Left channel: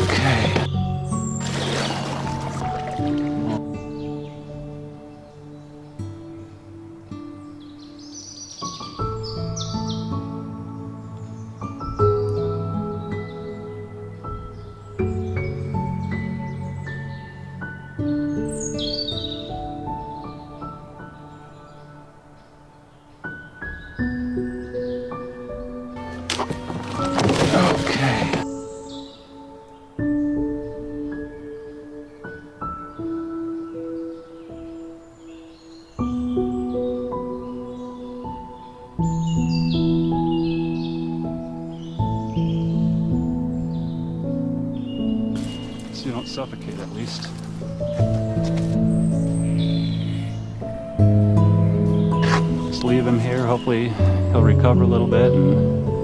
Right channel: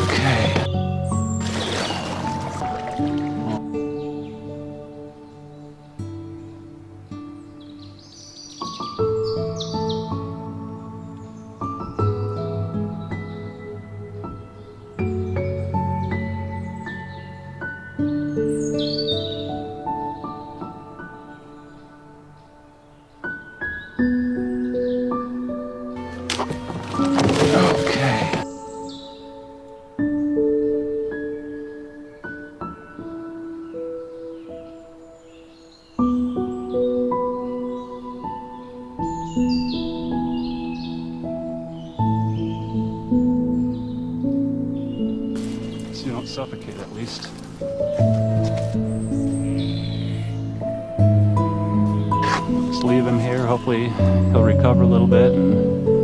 Okay. Okay. So you don't suffocate, at least. Just leave him here. Hopefully he'll recover a little bit and